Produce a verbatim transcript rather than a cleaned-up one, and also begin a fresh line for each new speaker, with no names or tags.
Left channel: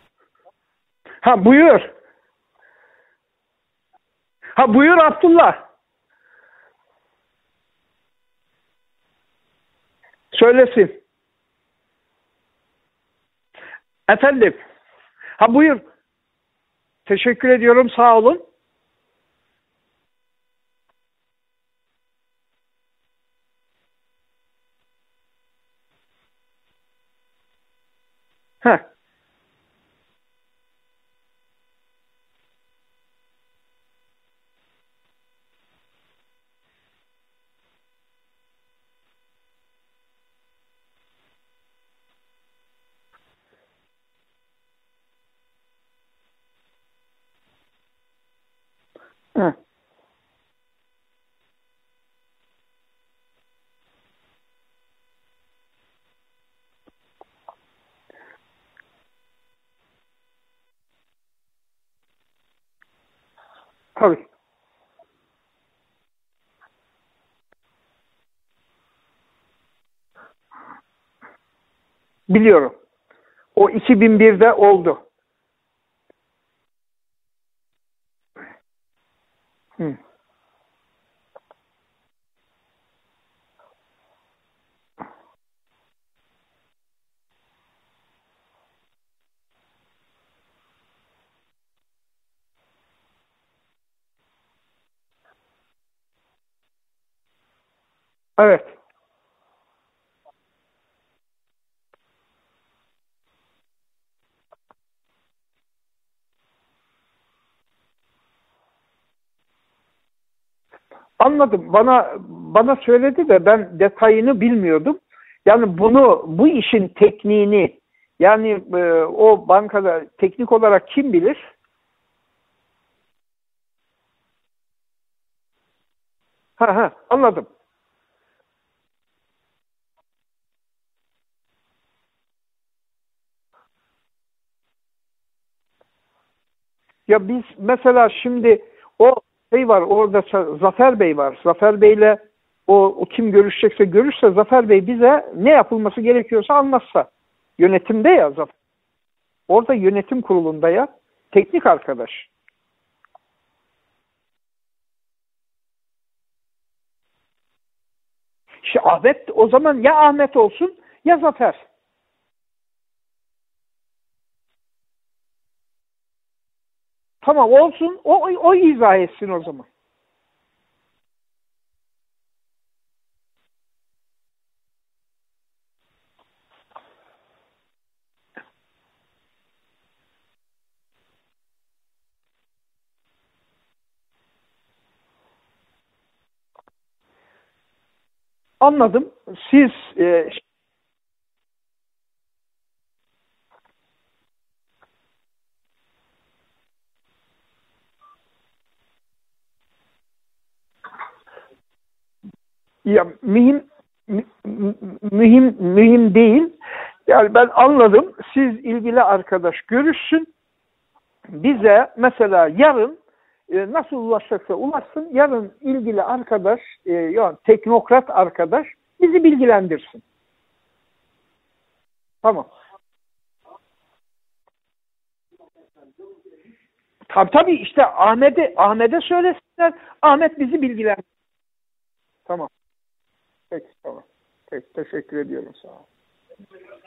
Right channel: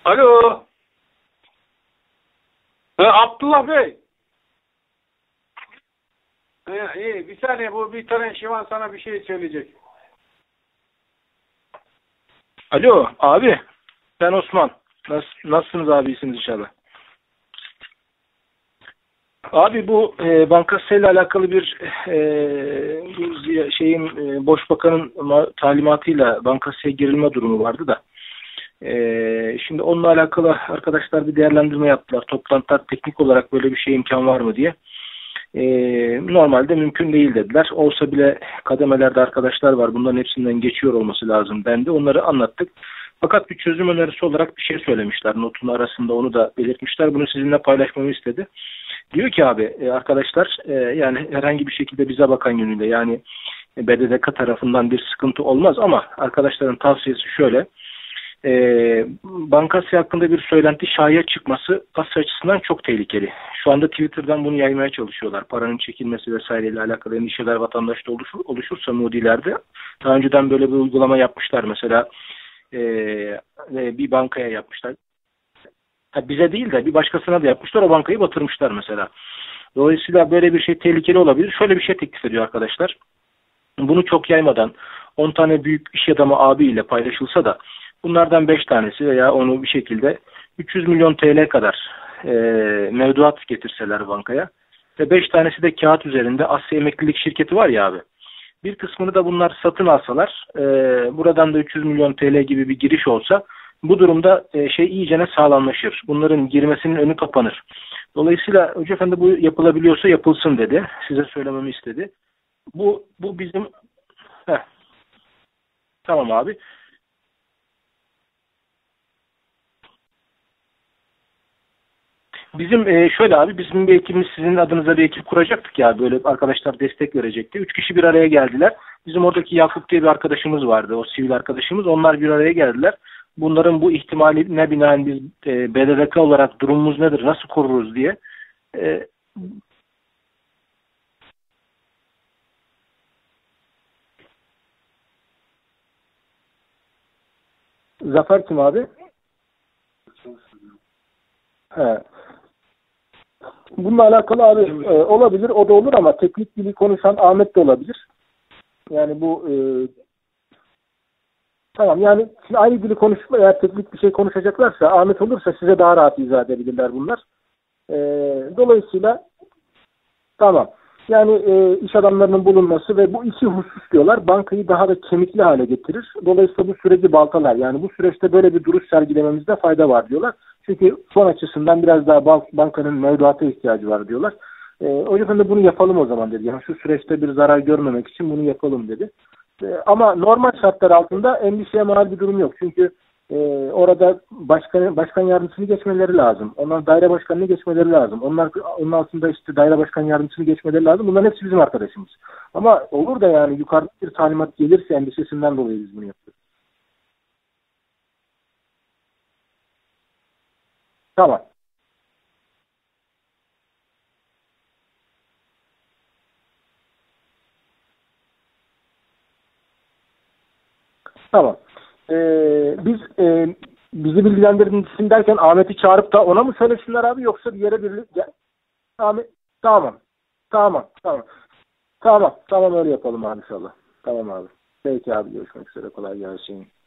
Alo.
Ha buyur.
Ha, Abdullah Bey.
Ha buyur Abdullah.
Ha, iyi. Bir saniye, bu bir tane Şivan sana bir şey söyleyecek.
Söylesin.
Alo abi.
Efendim.
Ben Osman. Nasıl,
Ha, buyur.
nasılsınız abi, iyisiniz inşallah.
Teşekkür ediyorum, sağ olun.
Abi bu e, bankasıyla alakalı bir e, bu şeyin e, Başbakanın talimatıyla bankasıya girilme durumu vardı da. E, şimdi onunla alakalı arkadaşlar bir değerlendirme yaptılar. Toplantılar teknik olarak böyle bir şey imkan var mı diye. E, normalde mümkün değil dediler. Olsa bile kademelerde arkadaşlar var. Bunların hepsinden geçiyor olması lazım dendi. Onları anlattık. Fakat bir çözüm önerisi olarak bir şey söylemişler. Notun arasında onu da belirtmişler. Bunu sizinle paylaşmamı istedi. Diyor ki abi e, arkadaşlar e, yani herhangi bir şekilde bize bakan yönüyle, yani B D D K tarafından bir sıkıntı olmaz ama arkadaşların tavsiyesi şöyle. E, bankası hakkında bir söylenti şaya çıkması kasa açısından çok tehlikeli. Şu anda Twitter'dan bunu yaymaya çalışıyorlar. Paranın çekilmesi vesaireyle alakalı endişeler vatandaşta oluşur, oluşursa Moody'lerde, daha önceden böyle bir uygulama yapmışlar mesela.
Biliyorum.
E,
o iki bin birde
e,
oldu.
Ha, bize değil de bir başkasına da yapmışlar. O bankayı batırmışlar mesela. Dolayısıyla böyle bir şey tehlikeli olabilir. Şöyle bir şey teklif ediyor arkadaşlar. Bunu çok yaymadan on tane büyük iş adamı abiyle paylaşılsa da bunlardan beş tanesi veya onu bir şekilde üç yüz milyon T L kadar e, mevduat getirseler bankaya ve beş tanesi de kağıt üzerinde Asya Emeklilik Şirketi var ya abi.
Evet.
Bir kısmını da bunlar satın alsalar, e, buradan da üç yüz milyon T L gibi bir giriş olsa, bu durumda e, şey iyicene sağlamlaşır. Bunların girmesinin önü kapanır. Dolayısıyla Hoca Efendi bu yapılabiliyorsa yapılsın dedi. Size
Anladım. Bana
istedi.
bana
Bu,
söyledi
bu
de
bizim...
ben detayını bilmiyordum. Yani bunu
Tamam
bu
abi.
işin tekniğini, yani e, o bankada teknik olarak kim bilir?
Bizim e, şöyle abi, bizim bir ekibimiz sizin adınıza bir ekip kuracaktık ya, böyle arkadaşlar
Ha, ha,
destek
anladım.
verecekti. Üç kişi bir araya geldiler. Bizim oradaki Yakup diye bir arkadaşımız vardı, o sivil arkadaşımız. Onlar bir araya geldiler. Bunların bu ihtimaline binaen biz e, B D D K olarak durumumuz nedir,
Ya
nasıl koruruz
mesela
diye.
şimdi
Ee,
o bey var orada, Zafer Bey var. Zafer Bey'le o, o kim görüşecekse görüşse, Zafer Bey bize ne yapılması gerekiyorsa anlatsa. Yönetimde ya.
Zafer kim abi?
Orada yönetim kurulunda ya. Teknik arkadaş.
Evet. Bununla alakalı abi e, olabilir, o da olur ama teknik dili konuşan Ahmet de olabilir.
İşte
Yani
Ahmet
bu,
o zaman
e,
ya Ahmet olsun ya Zafer.
Tamam, yani şimdi aynı dili konuşma, eğer teknik bir şey konuşacaklarsa Ahmet olursa size daha rahat izah edebilirler bunlar.
Tamam olsun.
Ee,
o o izah etsin o zaman.
Tamam. Yani e, iş adamlarının bulunması ve bu iki husus diyorlar bankayı daha da kemikli hale getirir. Dolayısıyla bu süreci baltalar. Yani bu süreçte böyle bir duruş sergilememizde fayda var diyorlar. Çünkü fon açısından biraz daha bank, bankanın mevduata ihtiyacı var diyorlar. E, o yüzden de bunu yapalım o zaman dedi. Yani şu süreçte bir zarar görmemek için bunu yapalım
Anladım.
dedi.
Siz
E, ama
e,
normal şartlar altında endişeye mal bir durum yok. Çünkü e, orada başkan, başkan yardımcısını geçmeleri lazım. Onlar daire başkanını geçmeleri lazım. Onlar onun altında işte daire başkan yardımcısını geçmeleri lazım. Bunların hepsi bizim arkadaşımız. Ama
Ya,
olur da yani
mühim,
yukarıda bir talimat gelirse
mühim, mühim değil. Yani ben anladım. Siz ilgili arkadaş görüşsün.
Tamam.
Bize mesela yarın e, nasıl ulaşacaksa ulaşsın. Yarın ilgili arkadaş, e, yani teknokrat arkadaş bizi bilgilendirsin.
Tamam. Ee,
Tamam.
Biz e, bizi bilgilendirsin derken Ahmet'i çağırıp da ona mı söylesinler abi?
Ha,
Yoksa
tabii işte Ahmet'e Ahmet'e
Ahmet,
söylesinler.
tamam.
Ahmet bizi
Tamam,
bilgilendirsin.
tamam. Tamam,
Tamam.
tamam öyle yapalım abi inşallah.
Tamam.
Tamam abi.
Peki,
Peki
teşekkür
abi.
ediyorum.
Görüşmek üzere. Kolay gelsin.